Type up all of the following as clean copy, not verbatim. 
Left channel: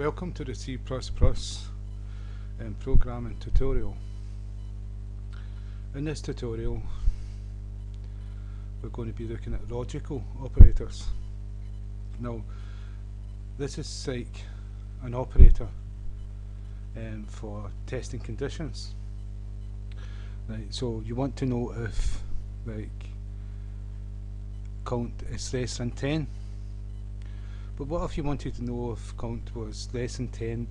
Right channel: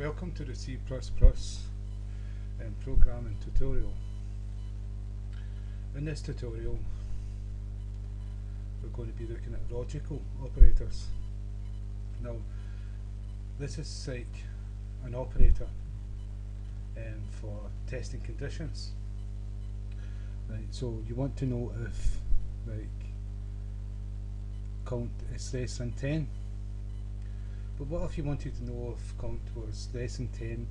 Welcome to the C++ programming tutorial. In this tutorial we're going to be looking at logical operators. Now this is like an operator for testing conditions. Right, so you want to know if count is less than 10. But what if you wanted to know if count was less than 10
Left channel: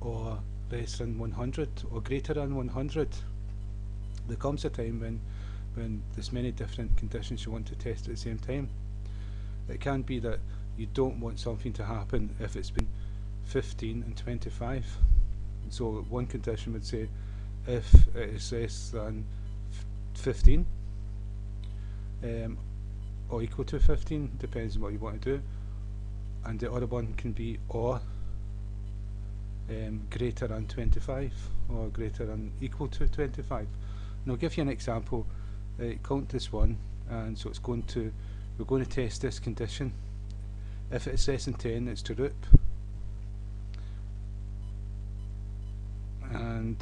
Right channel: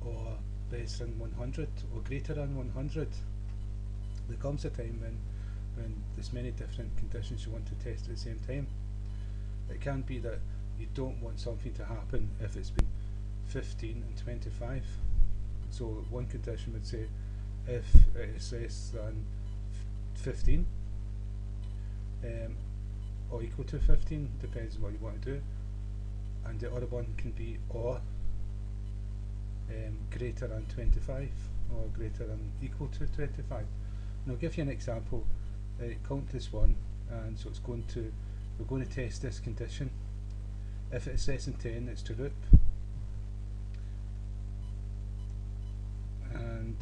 or less than 100 or greater than 100? There comes a time when there's many different conditions you want to test at the same time. It can be that you don't want something to happen if it's been 15 and 25. So one condition would say if it is less than 15 or equal to 15, depends on what you want to do. And the other one can be or greater than 25 or greater than equal to 25. And I'll give you an example. Count this one, and so we're going to test this condition. If it's less than 10, it's to loop, and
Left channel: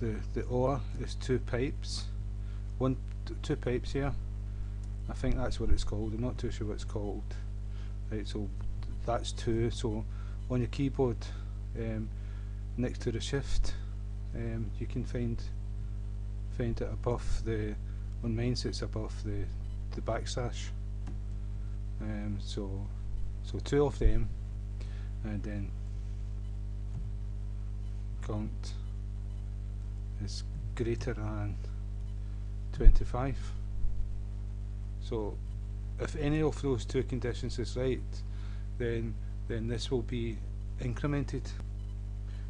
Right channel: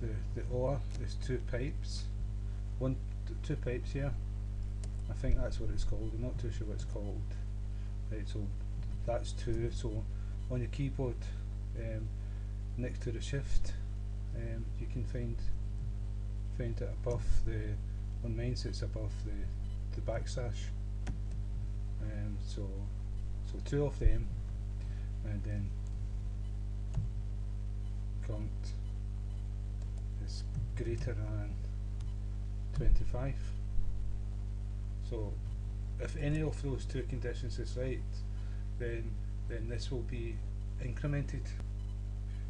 the or is two pipes, two pipes here. I think that's what it's called. I'm not too sure what it's called. Right, so that's 2. So on your keyboard, next to the shift, you can find it above on mine it's above the backslash. So 2 of them, and then count is greater than 25. So if any of those two conditions is right, then this will be incremented.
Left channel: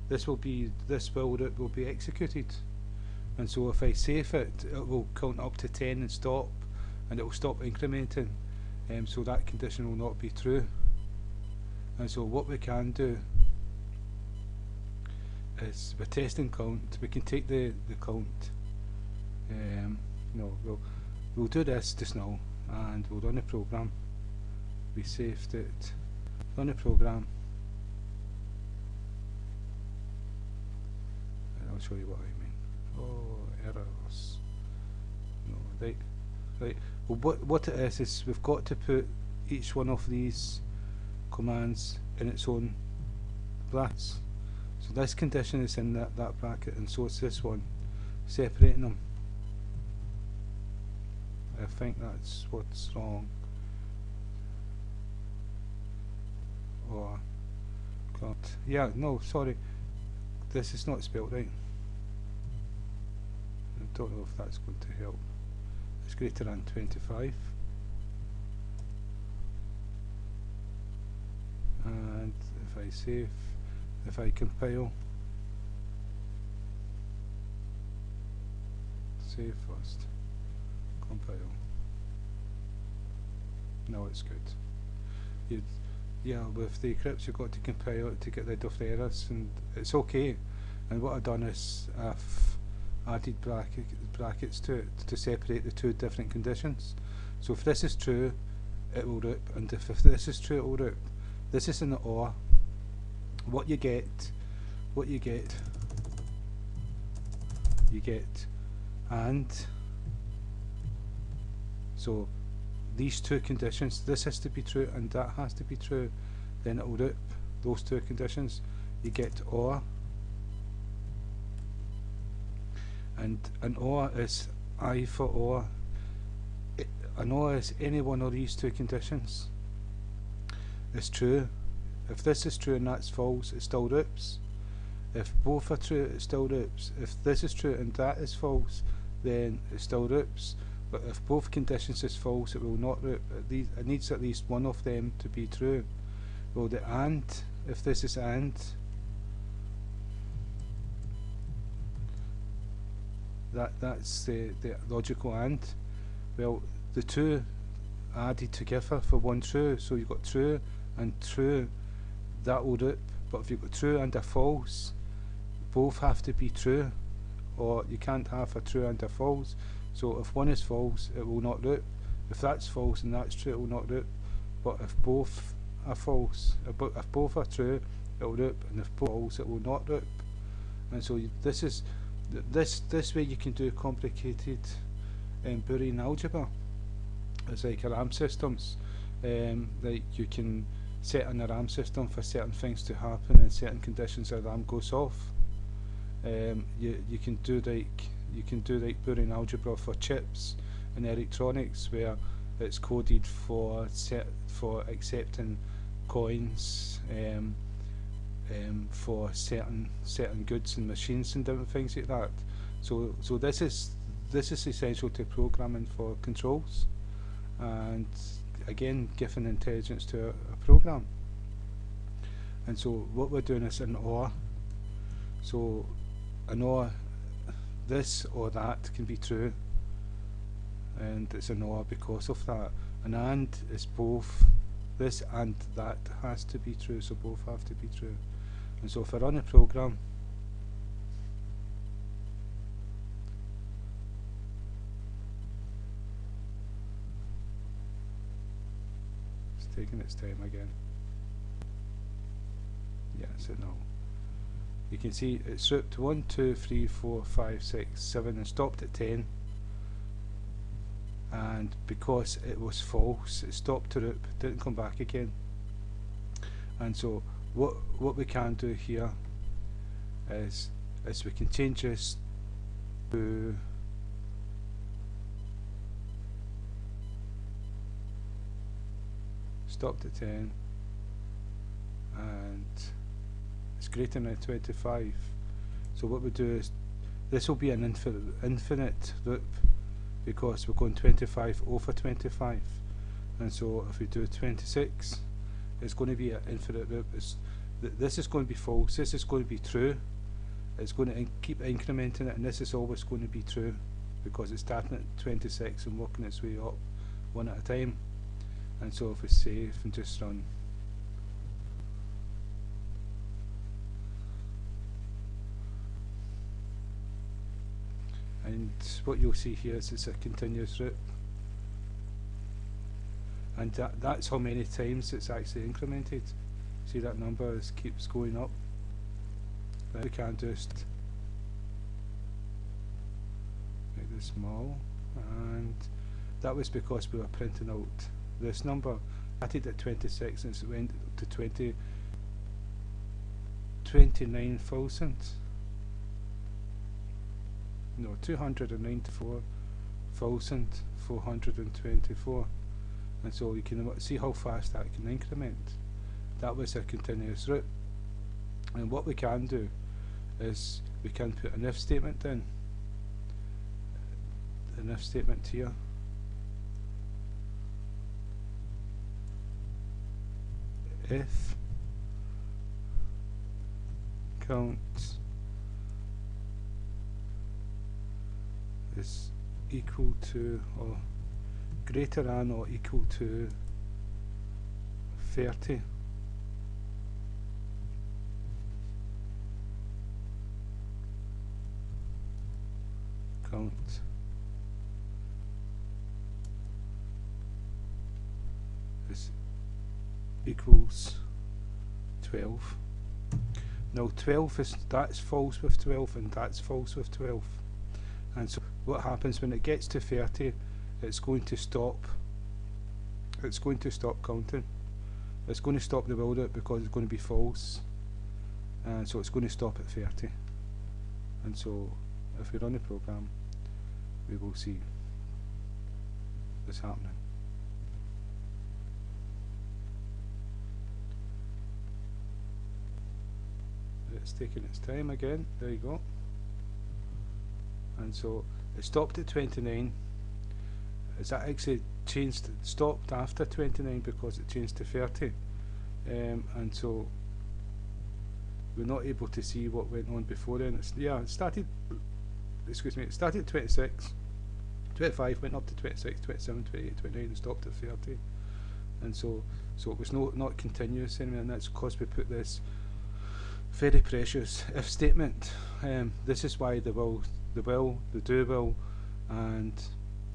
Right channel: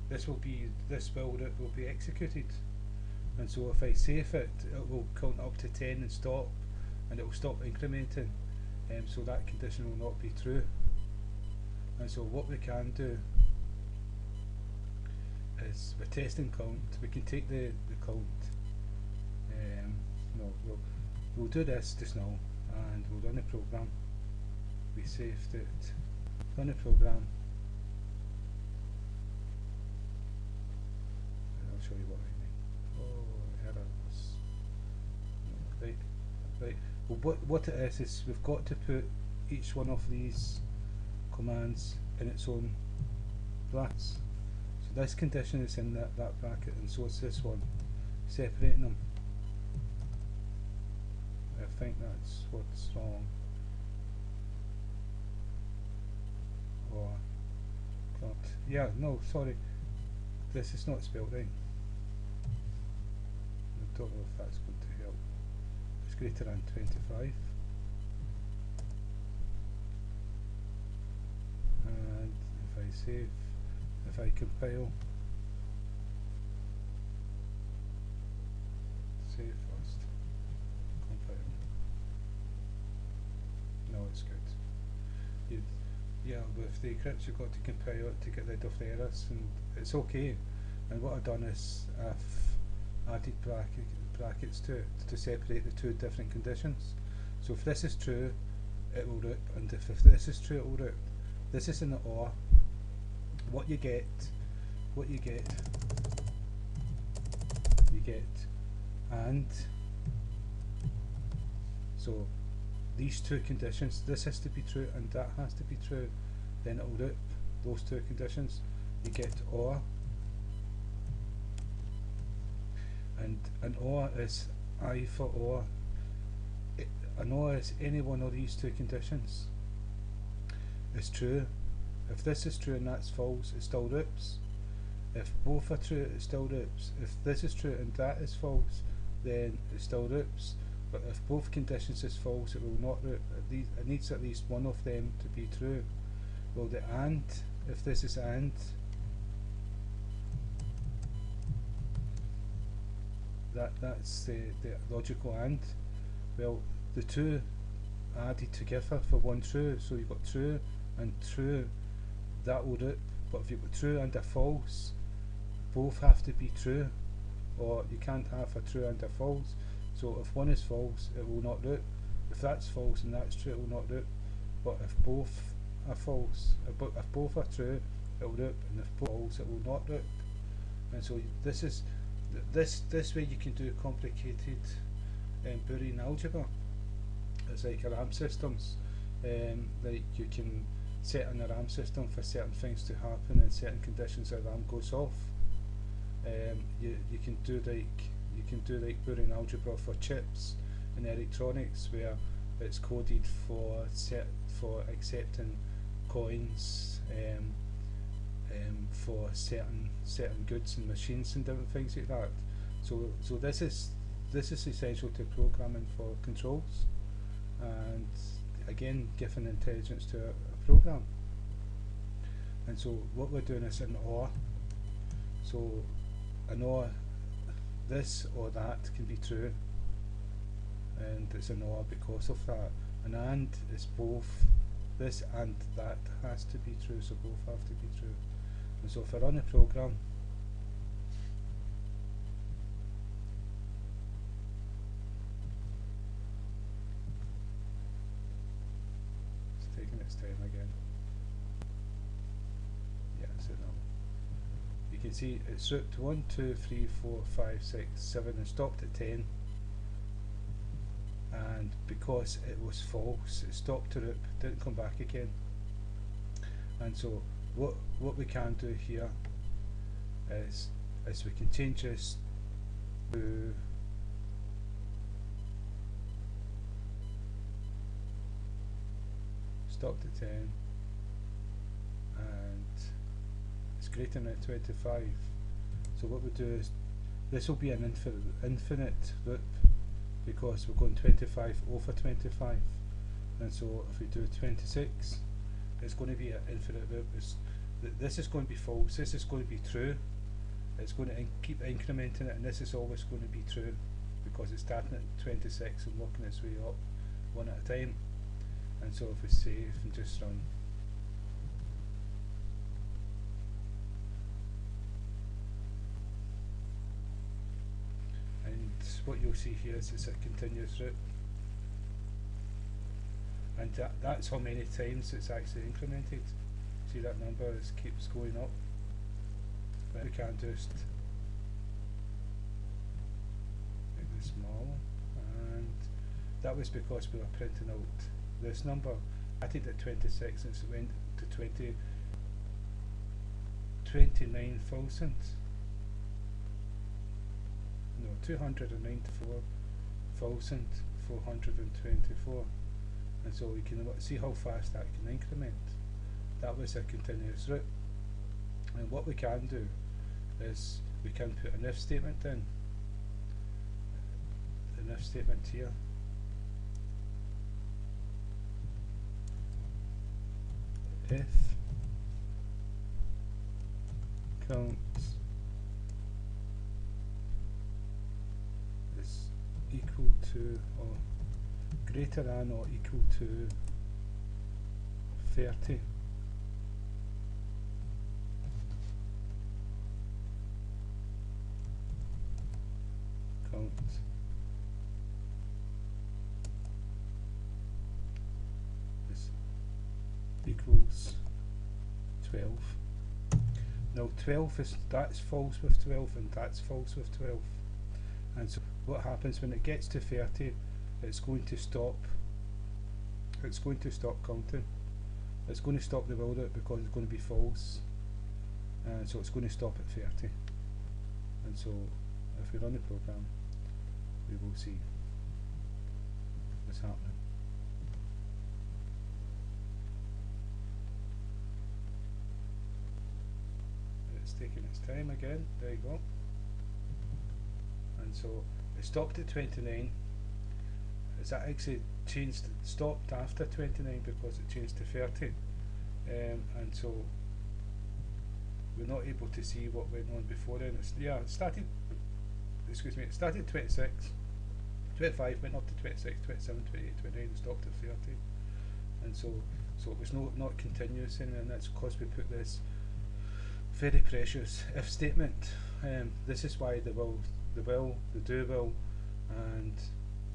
This will be executed, and so if I save it, it will count up to 10 and stop, and it will stop incrementing. So that condition will not be true. And so what we can do is, with testing count, we can take the count. No, we'll do this just now. And we'll run a program. We saved it. Run a program. And I'll show you what I mean. Oh, errors. No, right. Well, what it is we've got to put each one of these commands in its own brackets. So this condition is in that bracket, and so is this one. Separating them. I think that's what's wrong. Or can't. Yeah, no, sorry. This is not spelled right. I don't know if that's going to help. It's greater than 25. And if I save, if I compile, save first. No, it's good. Yeah, with the Eclipse you've got to compile it to get rid of the errors, and it's okay. And what I've done is I've added brackets to it to separate the two different conditions. So if this is true, it will loop, and if this is true, it will loop. This is in the OR. What you get and. So these two conditions, this has to be true and that has to be true, then it will loop those two conditions. You get OR, and an OR is I for OR. An OR is any one of these two conditions is true. If this is true and that's false, it still loops. If both are true, it still loops. If this is true and that is false, then it still loops. But if both conditions is false, it will not loop. It needs at least one of them to be true. Well, the AND, if this is AND, that's the logical AND. Well, the two added together for one true, so you've got true and true, that will loop. But if you've got true and a false, both have to be true, or you can't have a true and a false. So if one is false, it will not loop. If that's false and that's true, it will not loop. But if both are false. If both are true, it will loop, and if both are false, it will not loop. And so this is this way you can do complicated Boolean algebra. It's like RAM systems. Like you can set in a RAM system for certain things to happen in certain conditions, a RAM goes off. You can do like Boolean algebra for chips in electronics, where it's coded for accepting coins for certain goods and machines and different things like that. So this is essential to programming for controls, and again giving intelligence to a program. And so what we're doing is an OR. So an OR, this or that can be true, and it's an OR because of that. An AND is both, this and that has to be true, so both have to be true. And so if I run a program, it's taking its time again. Yeah, so no. You can see it's looped 1, 2, 3, 4, 5, 6, 7 and stopped at 10. And because it was false, it stopped to loop, didn't come back again. And so what we can do here is we can change this to stopped at 10 and it's greater than 25. So what we do is, this will be an infinite loop, because we're going 25 over 25, and so if we do 26, it's going to be an infinite loop. This is going to be false, this is going to be true, it's going to keep incrementing it, and this is always going to be true because it's starting at 26 and working its way up one at a time. And so if we save and just run, and what you'll see here is it's a continuous loop, and that's how many times it's actually incremented. See that number keeps going up. But we can just make this small, and that was because we were printing out this number. Started at 26 and it went to 29,000. No, 294,424. And so you can see how fast that can increment. That was a continuous route. And what we can do is we can put an if statement in. An if statement here. If count is equal to or greater than or equal to 30, count is equals 12. Now 12 is, that's false with 12 and that's false with 12. And so what happens when it gets to 30, it's going to stop counting. It's going to stop the build up because it's going to be false, and so it's going to stop at 30. And so if we run the program, we will see this happening. It's taking its time again. There you go. And so it stopped at 29. It's actually changed, stopped after 29 because it changed to 30, and so we're not able to see what went on before then. It started, excuse me, it started 26, 25, went up to 26, 27, 28, 29 and stopped at 30. And so it was not continuous anyway, and that's because we put this very precious if statement. This is why the will, the do will, and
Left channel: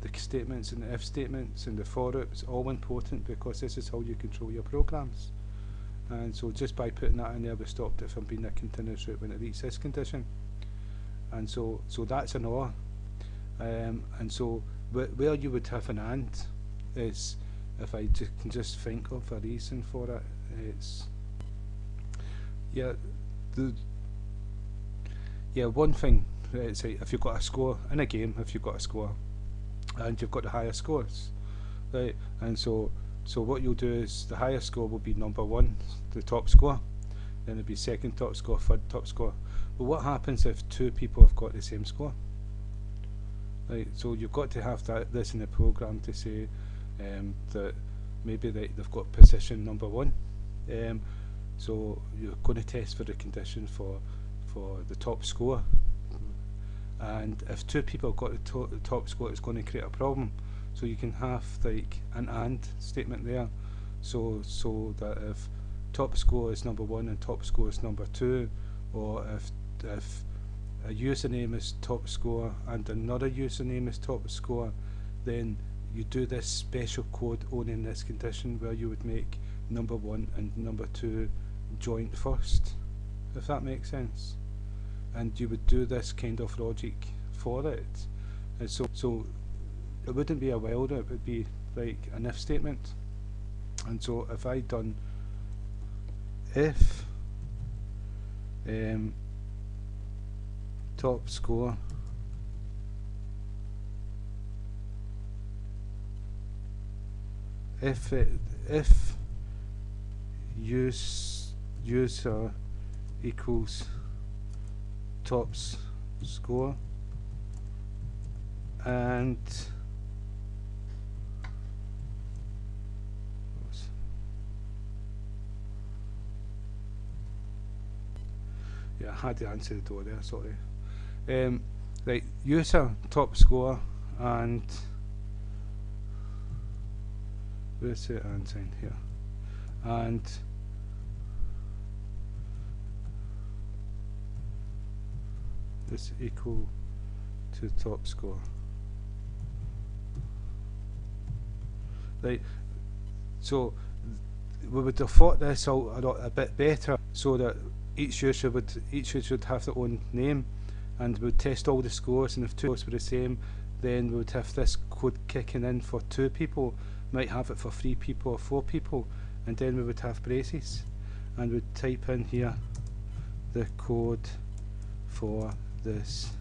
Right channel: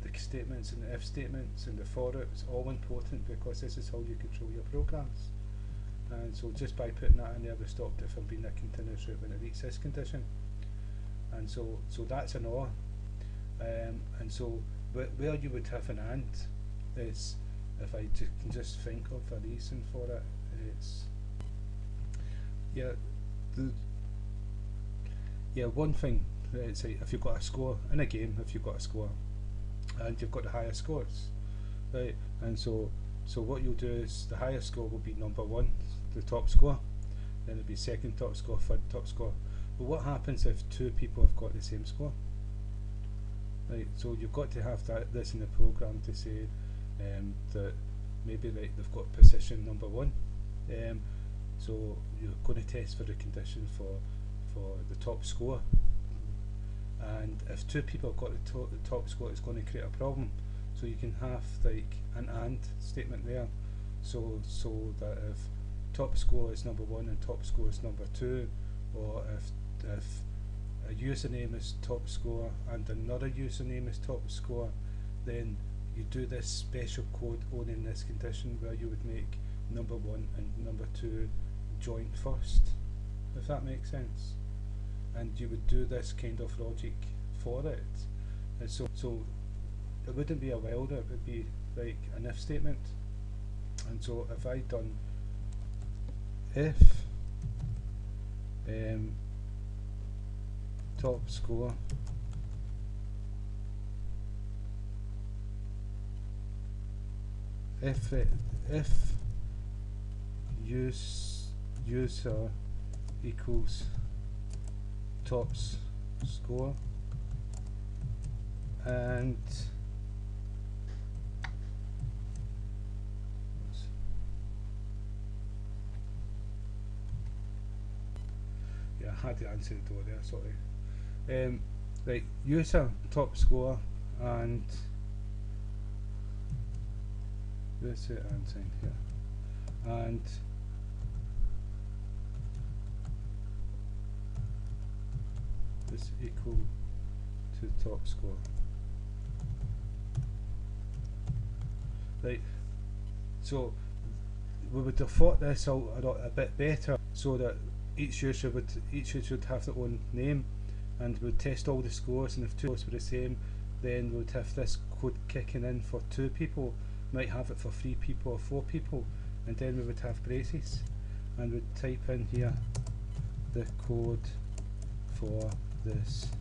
the statements and the if statements and the for it's all important, because this is how you control your programs. And so just by putting that in there, we stopped it from being a continuous loop when it reaches this condition. And so that's an OR. And so where you would have an AND is, if I can just think of a reason for it, it's one thing, it's like if you've got a score in a game, if you've got a score and you've got the higher scores, right, and so what you'll do is the higher score will be number one, the top score, then it'll be second top score, third top score. But what happens if two people have got the same score? Right, so you've got to have this in the program to say that maybe they've got position number one. So you're going to test for the condition for the top score, and if two people have got the top score, it's going to create a problem. So you can have like an AND statement there, so that if top score is number one and top score is number two, or if a username is top score and another username is top score, then you do this special code only in this condition where you would make number one and number two join first, if that makes sense. And you would do this kind of logic for it. And so it wouldn't be a while, it would be like an if statement. And so if I done if top score if user equals tops score, and I had to answer the door there, sorry. Right, user top score and where's the and sign here, and is equal to top score. Right, so we would have thought this out a bit better, so that each user would have their own name, and we would test all the scores, and if two scores were the same, then we would have this code kicking in for 2 people, might have it for 3 people or 4 people, and then we would have braces, and we'd type in here the code for this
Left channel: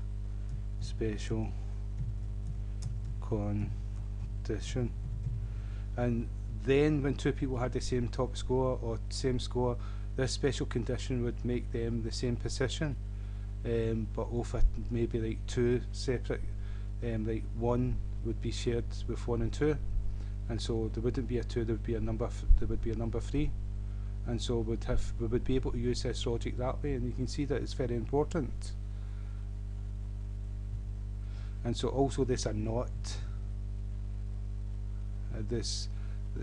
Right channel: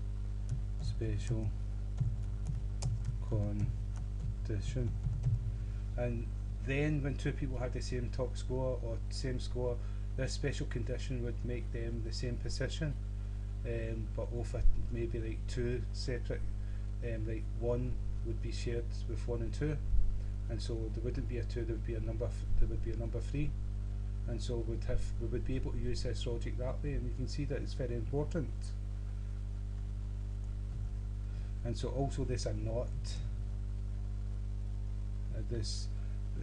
special condition, and then when 2 people had the same top score or same score, this special condition would make them the same position, but over maybe like 2 separate, like 1 would be shared with 1 and 2, and so there wouldn't be a 2, there would be a number. There would be a number 3, and so we would be able to use this logic that way, and you can see that it's very important. And so also this a not, this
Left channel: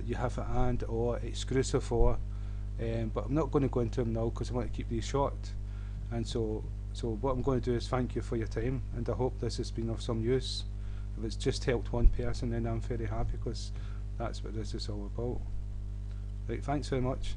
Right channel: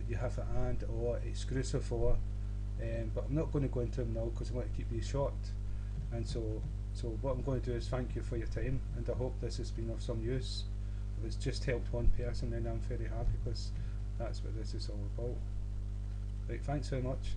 you have an and or exclusive or, but I'm not going to go into them now because I want to keep these short. And so what I'm going to do is thank you for your time, and I hope this has been of some use. If it's just helped one person, then I'm very happy, because that's what this is all about. Right, thanks very much.